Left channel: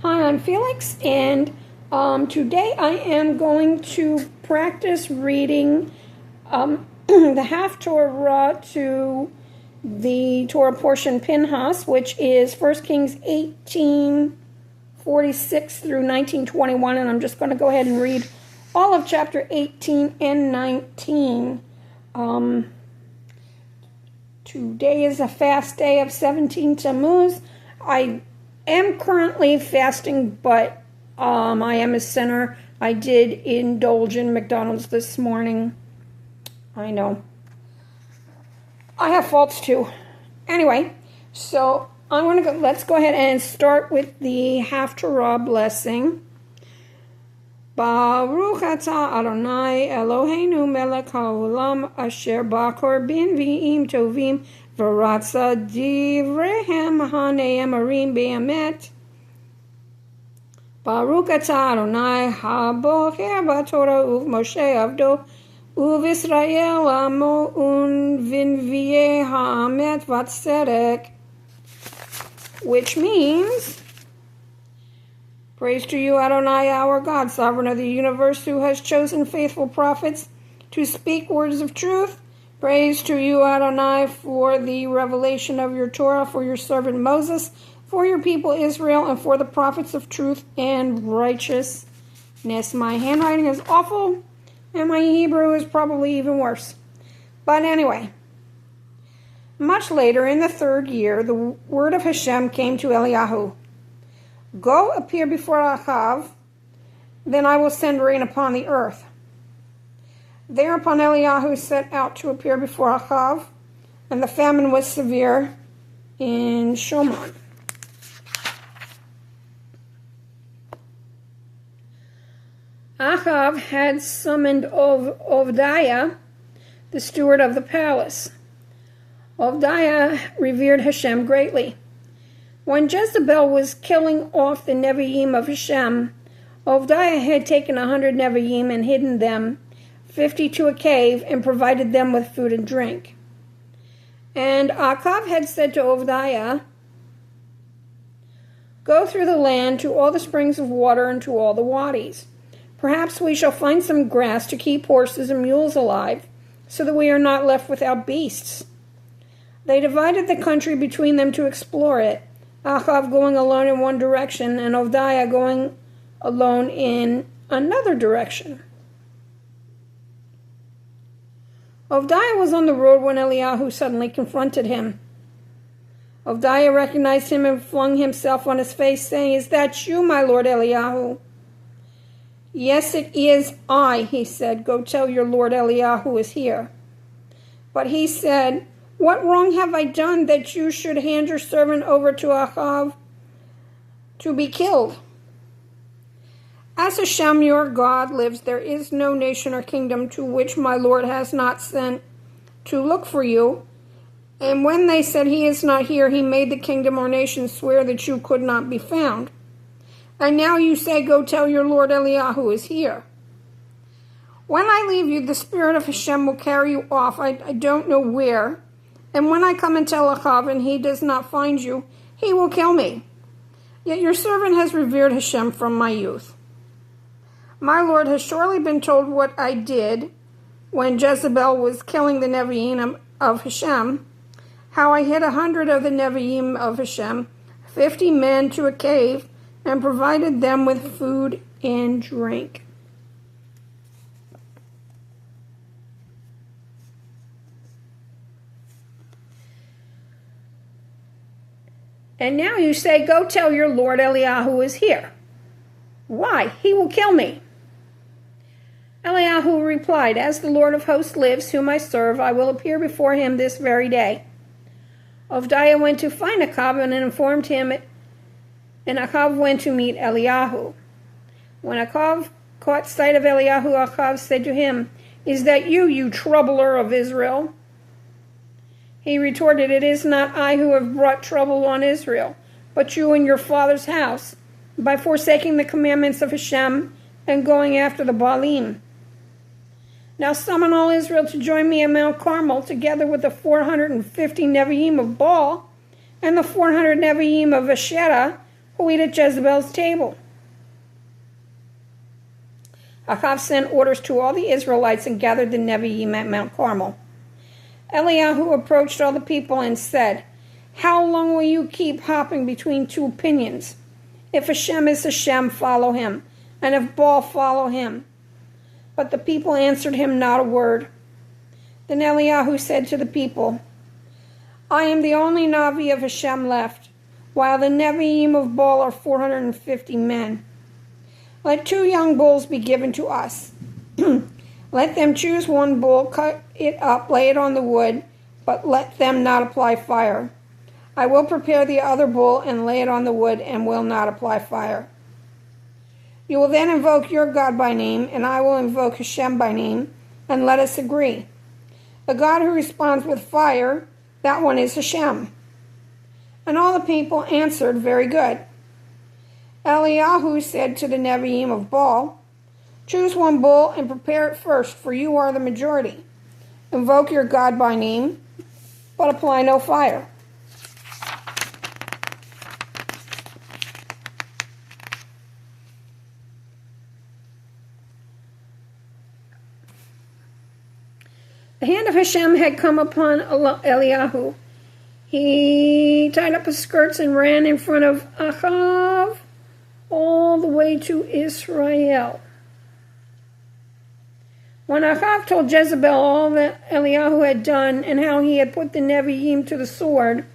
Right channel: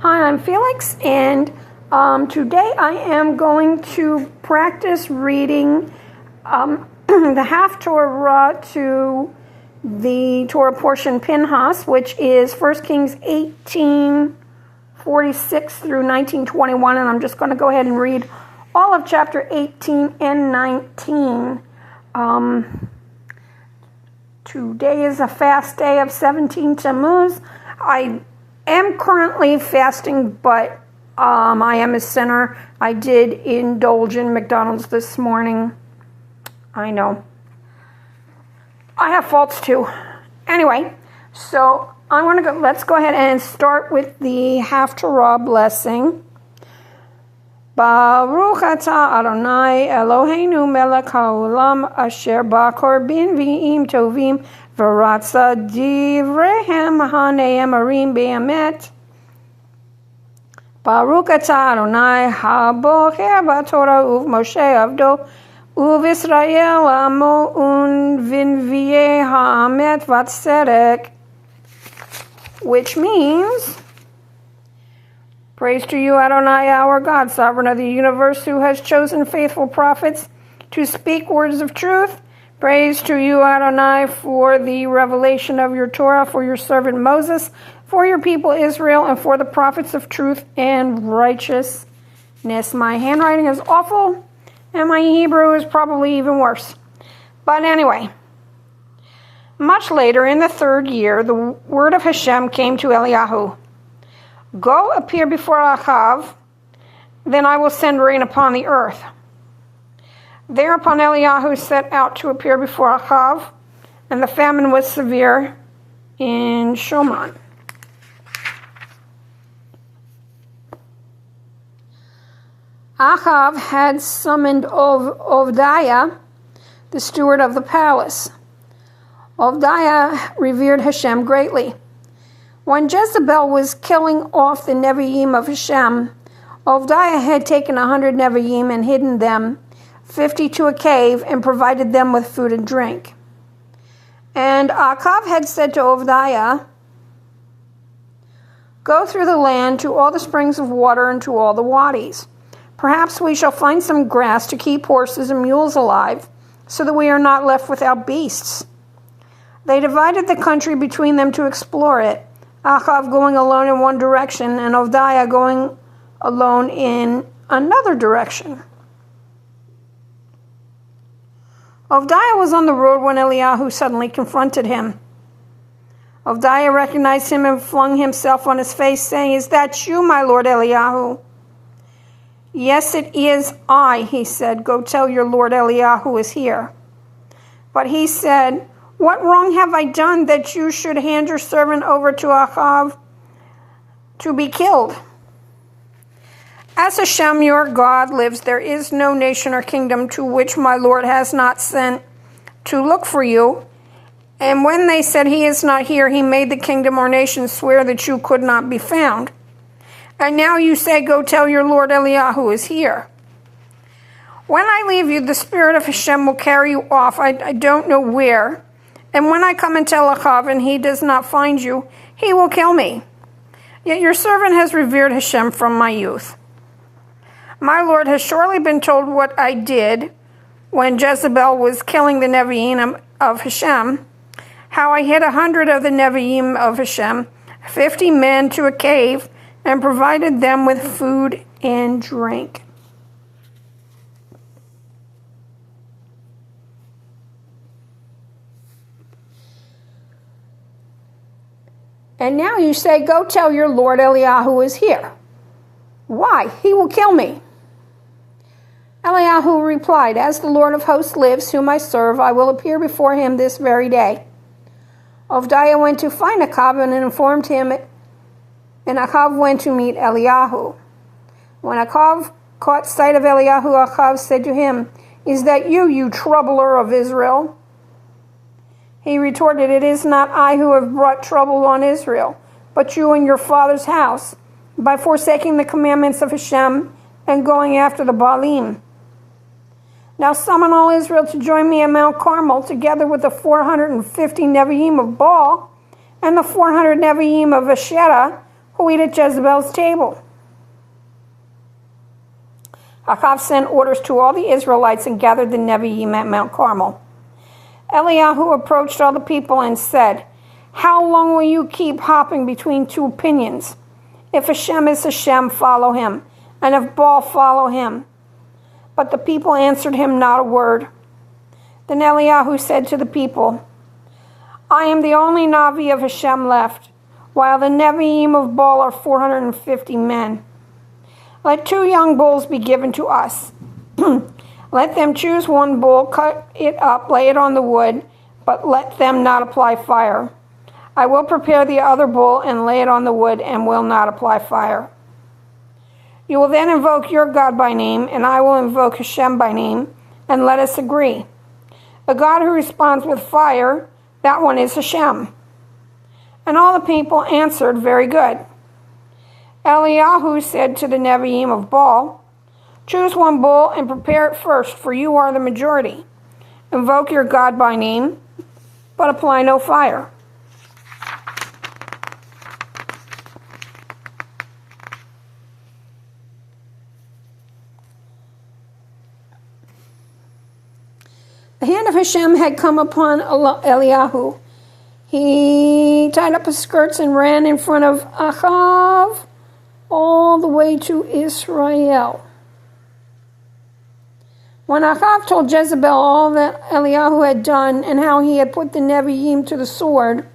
Hi, I'm Felix, and today I am going to practice reading the Haftarah to the Torah portion Pinchas, which is 1 Kings 18:46 through 19:21, and I'm just going to go ahead and read all of chapter 18 and 19. Today is a fast day of 17 Tammuz. I am currently fasting, but I am a sinner. I did indulge in McDonald's this morning. I know. I have faults too. Anyway, so let's go ahead and start with the Haftarah blessing. Baruch atah Adonai Eloheinu melech haolam asher ba'korbin v'im tovim v'ratza divrehem hane'emarim be'emet. Baruch atah Adonai habocher b'Torah u'Moshe avdo u'V'Israel amo u'Vinvi'eh ha'amet v'tzedek, which means, praise to you, Adonai, our God, sovereign of the universe, who has chosen faithful prophets to speak words of truth. Praise to you, Adonai, for the revelation of your Torah, for your servant Moses, for your people Israel, and for the prophets of truth and righteousness. My handwriting is awful, and my Hebrew is probably even worse. But anyway, much later in the 3rd year, the word of Hashem came to Eliyahu. Go appear before Achav, then I will send rain upon the earth. Thereupon Eliyahu set out to appear before Achav, and the famine was severe in Shoman. Achav had summoned Ovdiah, the steward of the palace. Ovdiah revered Hashem greatly. When Jezebel was killing off the Nevi'im of Hashem, Ovdiah had taken 100 Nevi'im and hidden them, 50 to a cave, and provided them with food and drink. And Achav had said to Ovdiah, go through the land to all the springs of water and to all the wadis. Perhaps we shall find some grass to keep horses and mules alive, so that we are not left without beasts. They divided the country between them to explore it, Achav going alone in one direction, and Ovdiah going alone in another direction. Ovdiah was on the road when Eliyahu suddenly confronted him. Ovdiah recognized him and flung himself on his face, saying, Is that you, my lord Eliyahu? Yes, it is I, he said. Go tell your lord Eliyahu is here. But he said, What wrong have I done that you should hand your servant over to Achav to be killed? As Hashem your God lives, there is no nation or kingdom to which my Lord has not sent to look for you. And when they said he is not here, he made the kingdom or nation swear that you could not be found. And now you say, go tell your Lord Eliyahu is here. When I leave you, the spirit of Hashem will carry you off. I don't know where. And when I come and tell Achav and he does not find you, he will kill me. Yet your servant has revered Hashem from my youth. My Lord has surely been told what I did when Jezebel was killing the Nevi'im of Hashem, how I hid 100 of the Nevi'im of Hashem, 50 men to a cave, and provided them with food and drink. And now you say, go tell your Lord Eliyahu is here. Why? He will kill me. Eliyahu replied, As the Lord of hosts lives, whom I serve, I will appear before him this very day. Ovdiah went to find Achav and informed him, and Achav went to meet Eliyahu. When Achav caught sight of Eliyahu, Achav said to him, Is that you troubler of Israel? He retorted, It is not I who have brought trouble on Israel, but you and your father's house, by forsaking the commandments of Hashem and going after the Baalim. Now summon all Israel to join me at Mount Carmel, together with the 450 Nevi'im of Baal and the 400 Nevi'im of Asherah, who eat at Jezebel's table. Achav sent orders to all the Israelites and gathered the Nevi'im at Mount Carmel. Eliyahu approached all the people and said, "How long will you keep hopping between two opinions? If Hashem is Hashem, follow him, and if Baal, follow him." But the people answered him not a word. Then Eliyahu said to the people, "I am the only Navi of Hashem left, while the Nevi'im of Baal are 450 men. Let 2 young bulls be given to us. Let them choose one bull, cut it up, lay it on the wood, but let them not apply fire. I will prepare the other bull and lay it on the wood and will not apply fire. You will then invoke your God by name, and I will invoke Hashem by name, and let us agree. A God who responds with fire, that one is Hashem." And all the people answered, "Very good." Eliyahu said to the Nevi'im of Baal, "Choose one bull and prepare it first, for you are the majority. Invoke your God by name, but apply no fire." The hand of Hashem had come upon Eliyahu. He tied up his skirts and ran in front of Achav all the way to Israel. When Achav told Jezebel all that Eliyahu had done and how he had put the Nevi'im to the sword,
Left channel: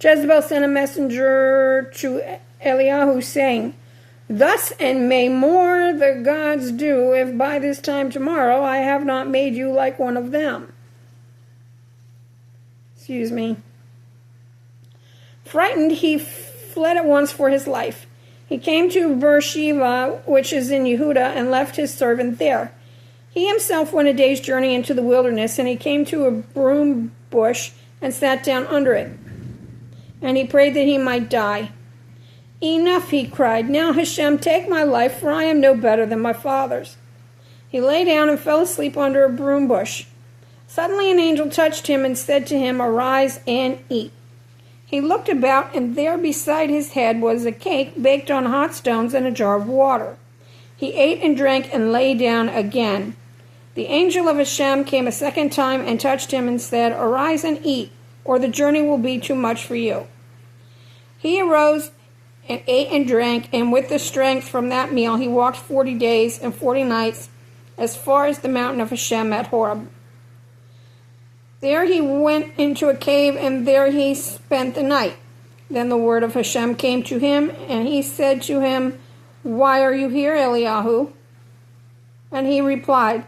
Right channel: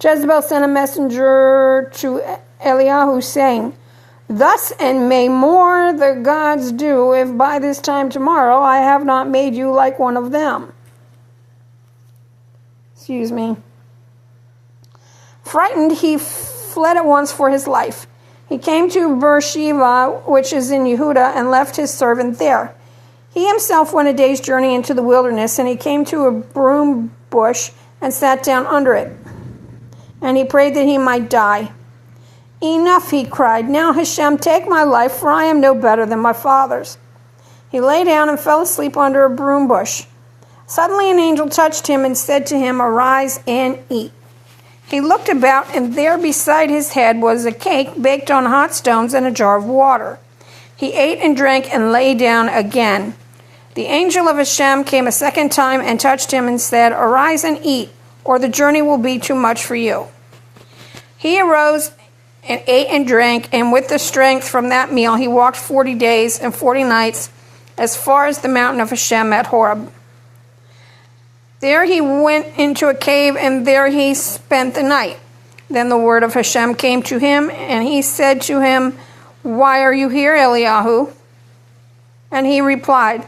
Jezebel sent a messenger to Eliyahu saying, "Thus and may more the gods do if by this time tomorrow I have not made you like one of them." Frightened, he fled at once for his life. He came to Beersheba, which is in Yehudah, and left his servant there. He himself went a day's journey into the wilderness, and he came to a broom bush and sat down under it. And he prayed that he might die. "Enough," he cried. "Now, Hashem, take my life, for I am no better than my fathers." He lay down and fell asleep under a broom bush. Suddenly an angel touched him and said to him, "Arise and eat." He looked about, and there beside his head was a cake baked on hot stones and a jar of water. He ate and drank and lay down again. The angel of Hashem came a second time and touched him and said, "Arise and eat, or the journey will be too much for you." He arose and ate and drank, and with the strength from that meal he walked 40 days and 40 nights as far as the mountain of Hashem at Horeb. There he went into a cave, and there he spent the night. Then the word of Hashem came to him, and he said to him, "Why are you here, Eliyahu?" And he replied,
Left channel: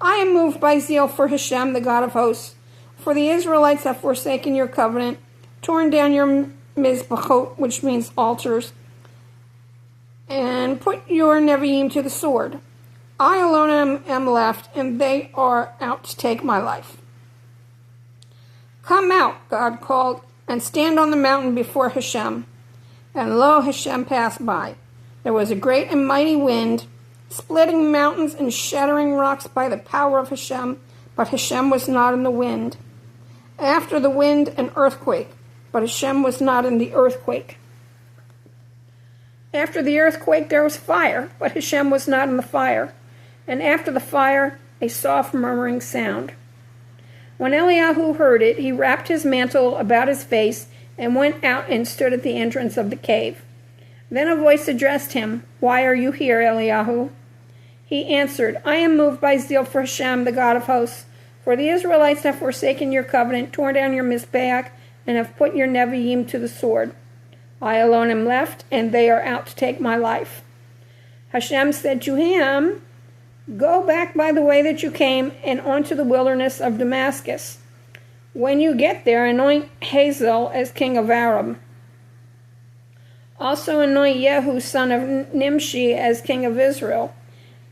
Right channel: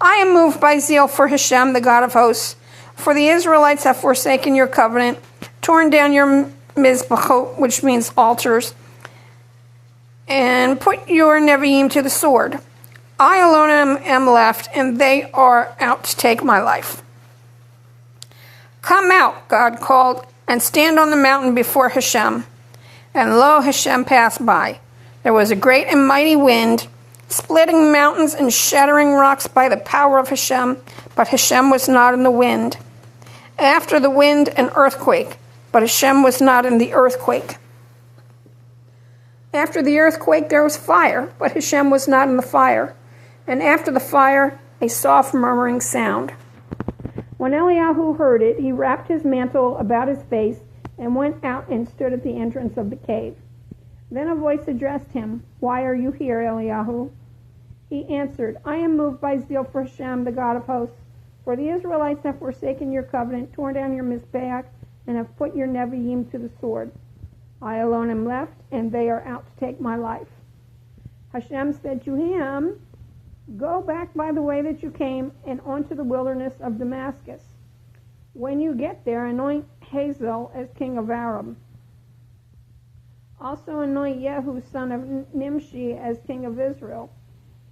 "I am moved by zeal for Hashem, the God of hosts, for the Israelites have forsaken your covenant, torn down your mizbachot, which means altars, and put your Nevi'im to the sword. I alone am left, and they are out to take my life." "Come out," God called, "and stand on the mountain before Hashem." And lo, Hashem passed by. There was a great and mighty wind, splitting mountains and shattering rocks by the power of Hashem, but Hashem was not in the wind. After the wind, an earthquake, but Hashem was not in the earthquake. After the earthquake, there was fire, but Hashem was not in the fire. And after the fire, a soft murmuring sound. When Eliyahu heard it, he wrapped his mantle about his face and went out and stood at the entrance of the cave. Then a voice addressed him, "Why are you here, Eliyahu?" He answered, "I am moved by zeal for Hashem, the God of hosts, for the Israelites have forsaken your covenant, torn down your mizbeach, and have put your Nevi'im to the sword. I alone am left, and they are out to take my life." Hashem said to him, "Go back by the way that you came and onto the wilderness of Damascus. When you get there, anoint Hazael as king of Aram. Also anoint Yehu, son of Nimshi, as king of Israel,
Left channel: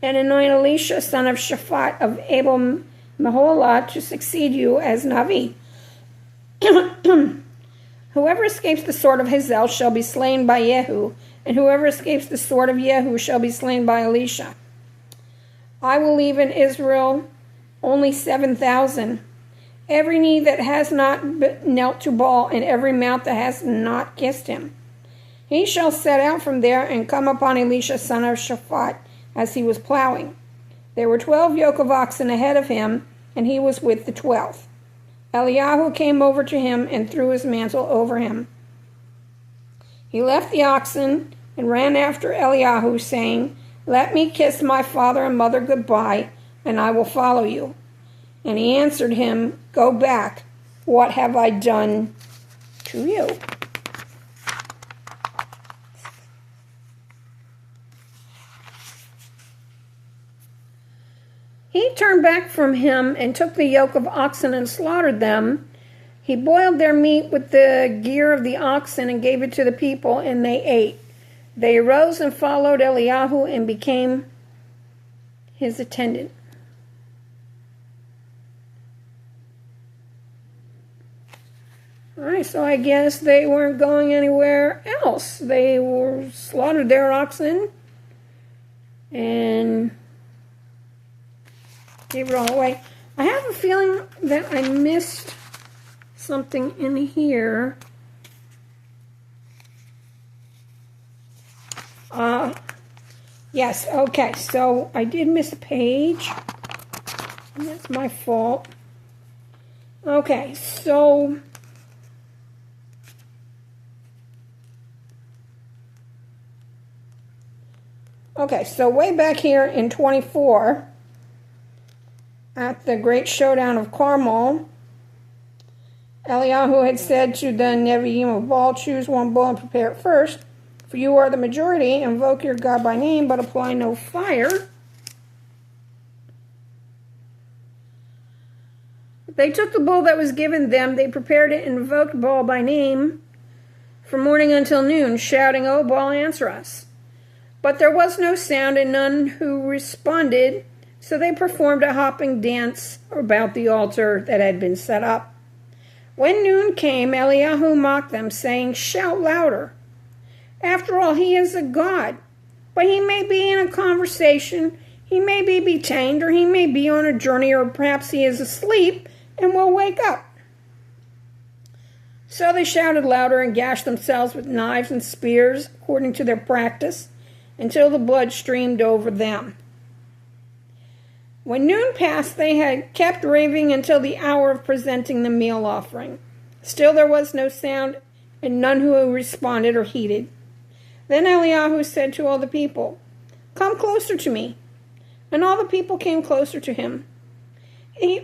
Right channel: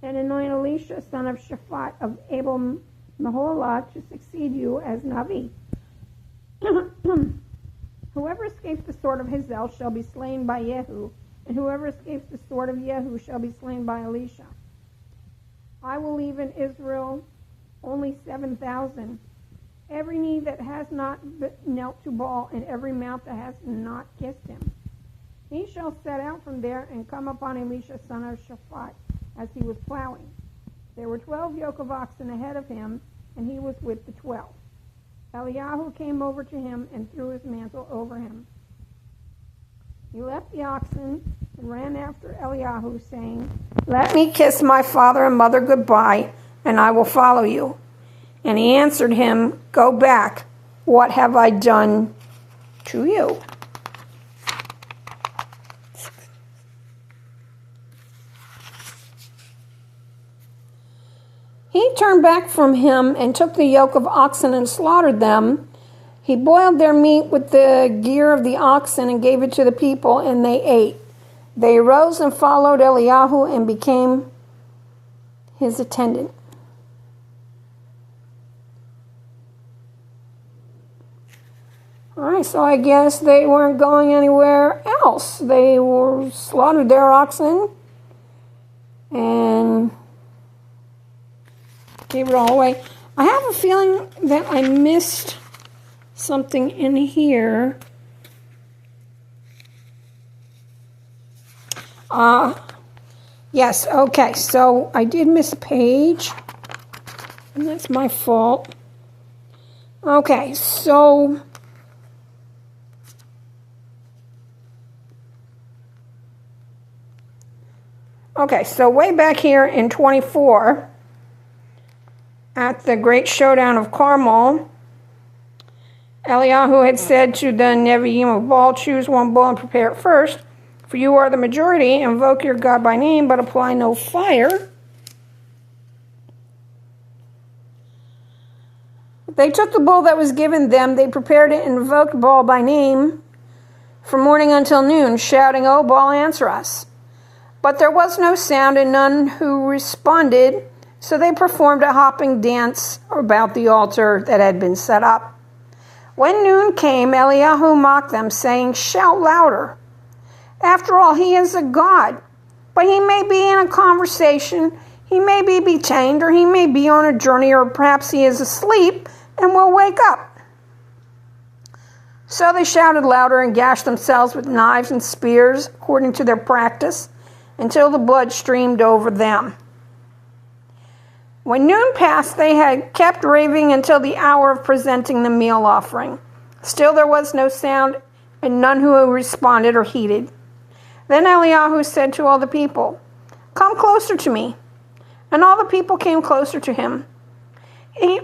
and anoint Elisha, son of Shaphat of Abel Meholah, to succeed you as Navi. Whoever escapes the sword of Hazael shall be slain by Yehu, and whoever escapes the sword of Yehu shall be slain by Elisha. I will leave in Israel only 7,000, every knee that has not knelt to Baal, and every mouth that has not kissed him." He shall set out from there and come upon Elisha son of Shaphat as he was plowing. There were 12 yoke of oxen ahead of him, and he was with the 12th. Eliyahu came over to him and threw his mantle over him. He left the oxen and ran after Eliyahu, saying, "Let me kiss my father and mother goodbye, and I will follow you." And he answered him, "Go back. What have I done to you?" He turned back from him and took the yoke of oxen and slaughtered them. He boiled their meat with the gear of the oxen and gave it to the people, and they ate. They arose and followed Eliyahu and became his attendant. All right, so I guess they weren't going anywhere else. They were slaughtered their oxen and gave it all away. I have a feeling that I missed something in here. Yes, okay, so I did miss a page, and that's my fault. Okay, so way back here in 24, at the great showdown of Carmel, Eliyahu had said to the Nevi'im of Baal, "Choose one bull and prepare it first, for you are the majority. Invoke your God by name, but apply no fire." They took the bull that was given them, they prepared it and invoked Baal by name from morning until noon, shouting, "O Baal, answer us." But there was no sound and none who responded, so they performed a hopping dance about the altar that had been set up. When noon came, Eliyahu mocked them, saying, "Shout louder. After all, he is a god, but he may be in a conversation, he may be detained, or he may be on a journey, or perhaps he is asleep and will wake up." So they shouted louder and gashed themselves with knives and spears, according to their practice, until the blood streamed over them. When noon passed, they had kept raving until the hour of presenting the meal offering. Still there was no sound, and none who responded or heeded. Then Eliyahu said to all the people, "Come closer to me." And all the people came closer to him. He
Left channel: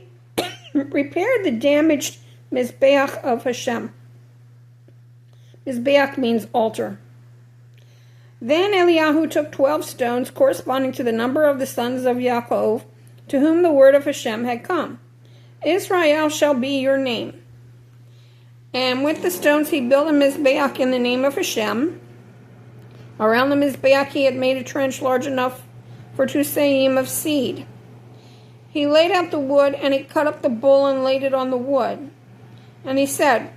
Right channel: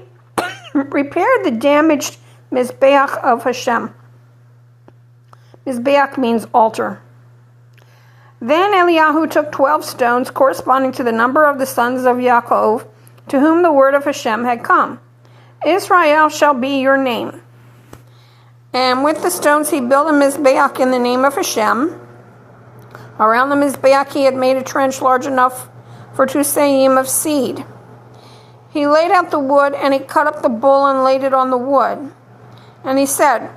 repaired the damaged Mizbeach of Hashem. Mizbeach means altar. Then Eliyahu took 12 stones, corresponding to the number of the sons of Yaakov, to whom the word of Hashem had come. "Israel shall be your name." And with the stones he built a Mizbeach in the name of Hashem. Around the Mizbeach he had made a trench large enough for 2 seim of seed. He laid out the wood, and he cut up the bull and laid it on the wood. And he said,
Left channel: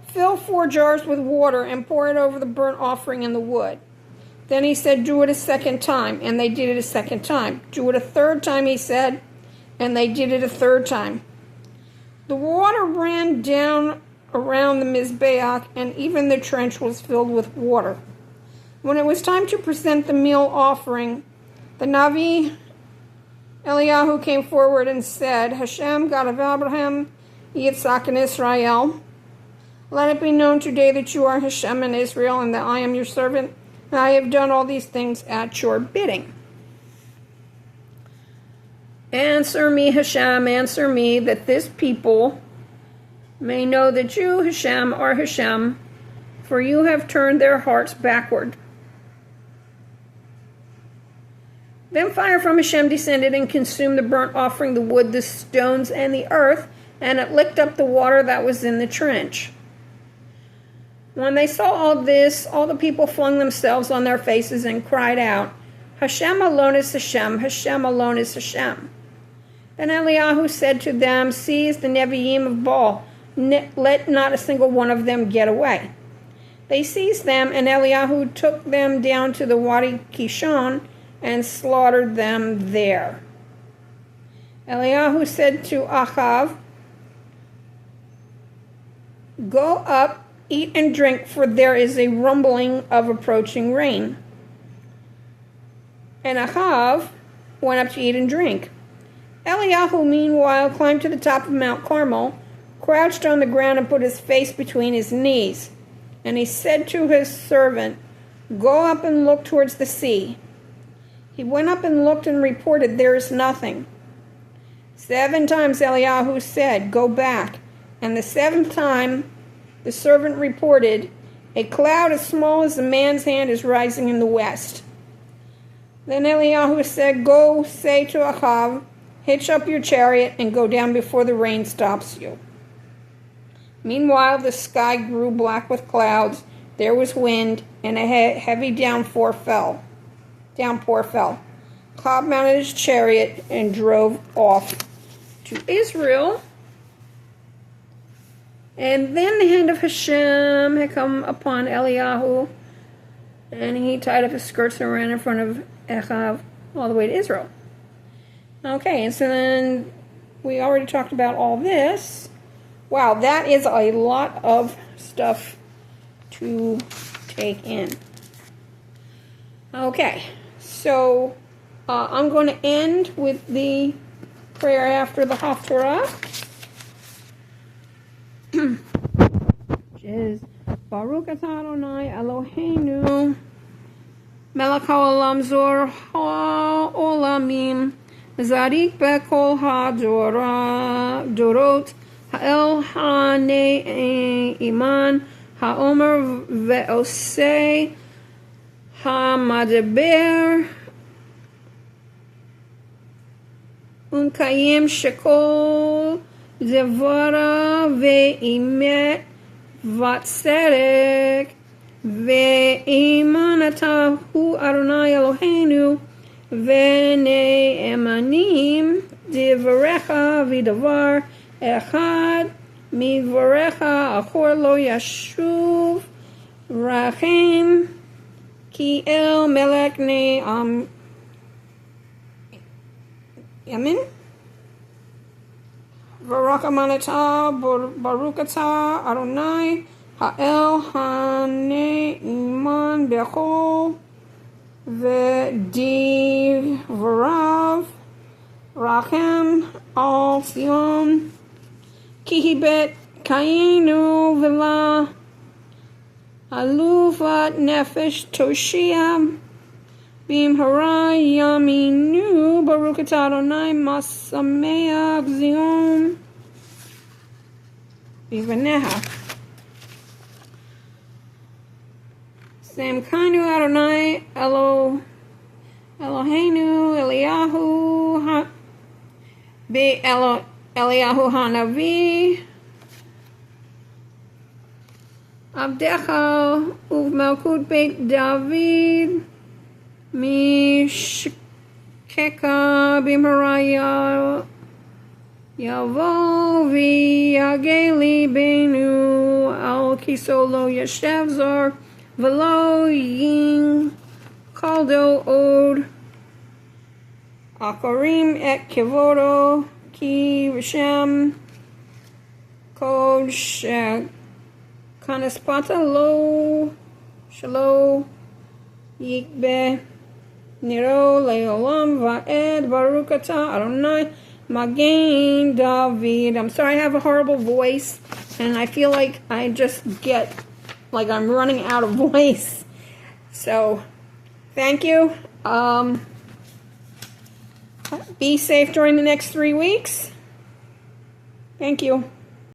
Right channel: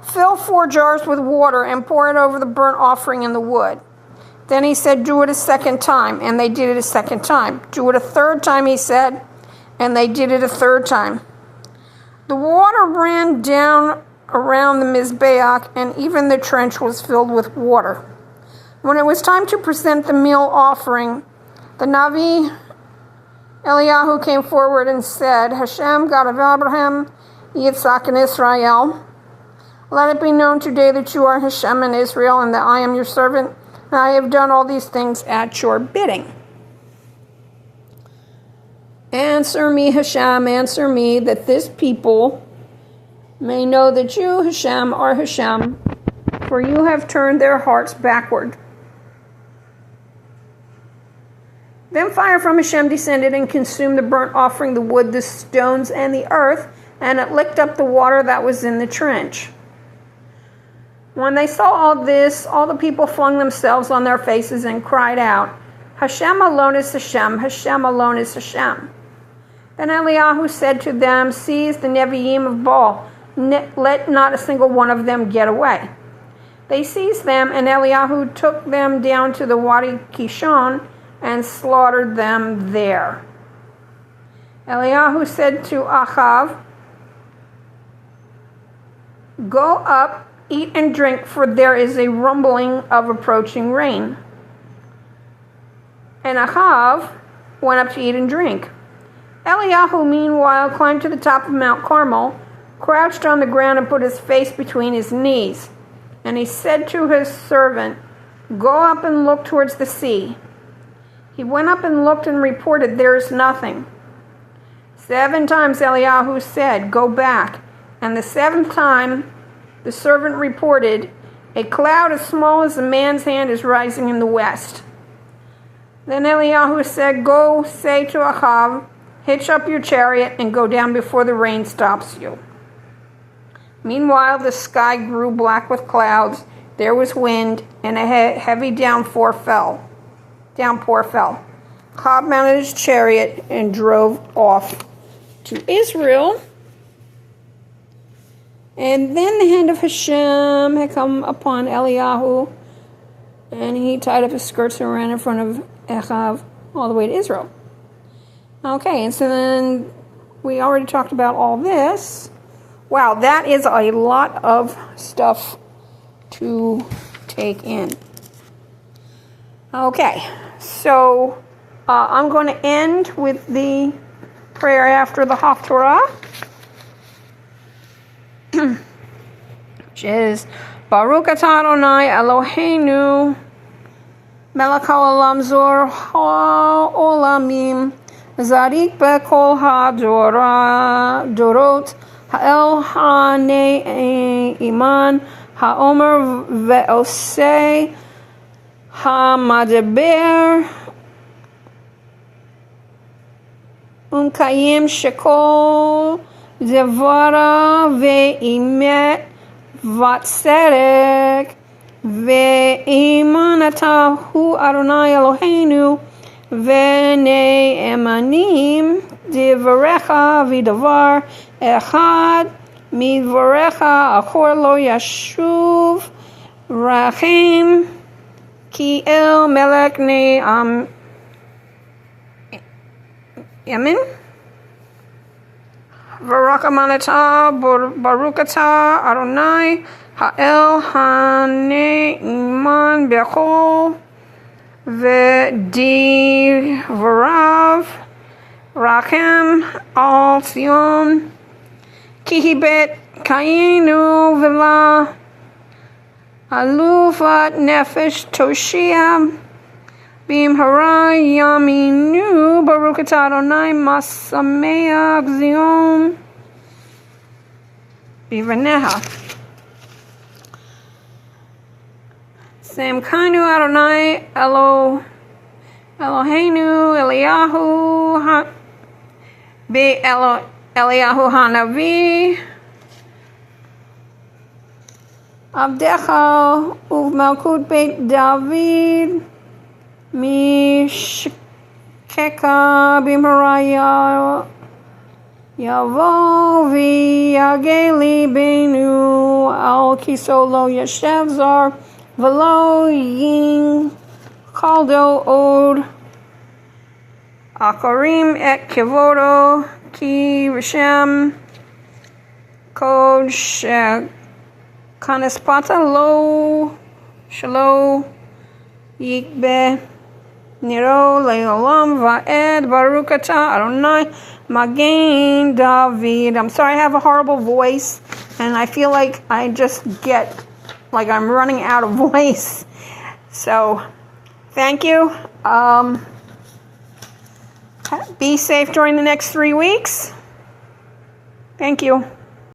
"Fill 4 jars with water and pour it over the burnt offering in the wood." Then he said, "Do it a second time," and they did it a second time. "Do it a third time," he said, and they did it a third time. The water ran down around the Mizbeach, and even the trench was filled with water. When it was time to present the meal offering, the Navi Eliyahu came forward and said, "Hashem, God of Abraham, Yitzhak, and Israel, let it be known today that you are Hashem and Israel, and that I am your servant, and I have done all these things at your bidding. Answer me, Hashem, answer me, that this people may know that you, Hashem, are Hashem, for you have turned their hearts backward." Then fire from Hashem descended and consumed the burnt offering, the wood, the stones, and the earth, and it licked up the water that was in the trench. When they saw all this, all the people flung themselves on their faces and cried out, "Hashem alone is Hashem, Hashem alone is Hashem." Then Eliyahu said to them, "Seize the Nevi'im of Baal, let not a single one of them get away." They seized them, and Eliyahu took them down to the Wadi Kishon and slaughtered them there. Eliyahu said to Achav, "Go up eat and drink, for there is a rumbling of approaching rain." And Achav went up to eat and drink. Eliyahu, meanwhile, climbed to the top of Mount Carmel, crouched on the ground, and put his face between his knees. And he said to his servant, "Go up and look towards the sea." He went up and looked and reported, "There is nothing." 7 times Eliyahu said, "Go back." And the 7th time the servant reported, "A cloud as small as a man's hand is rising in the west." Then Eliyahu said, "Go say to Achav, hitch up your chariot and go down before the rain stops you." Meanwhile, the sky grew black with clouds. There was wind, and a heavy downpour fell. Achav mounted his chariot and drove off to Israel. And then the hand of Hashem had come upon Eliyahu, and he tied up his skirts and ran in front of Achav all the way to Israel. Okay, and so then we already talked about all this. Wow, that is a lot of stuff to take in. Okay, so I'm going to end with the prayer after the Haftarah, which is Baruch atah Adonai Eloheinu melech haolam zor ha'olamim zarik bekol ha'dorot ha'el ha'ne'iman ha'omer ve'osei ha'madeber umkayim shekol devara ve'imet vatserek ve'iman hu Adonai Eloheinu ve'ne'emanim devarecha v'davar echad midvarecha achor lo yashuv rachim ki el melech ne'am Yamin V'rakamanata Barukata Adonai Ha'el Ha'ne'iman Bechol V'di V'rav Rachem Al Zion Kihibet Kainu V'la Alufat Nefesh Toshia Bim hara yaminu Baruch atah Adonai masameach Zion bivaneha. Samkanu Adonai Eloheinu Eliyahu Eliyahu Hanavi Abdecha Uv Malkut Beit David Mishkeka bimharaya yavo v'yageli benu al kisolo yashev zar v'lo yin kaldo od akarim et kivodo ki rishem kod shekanispata lo shalo yikbe Niro le'olam va'ed Baruch atah Adonai Magen David. I'm sorry I have a horrible voice, and I feel like I just get like I'm running out of voice. So, thank you. Be safe during the next 3 weeks. Thank you.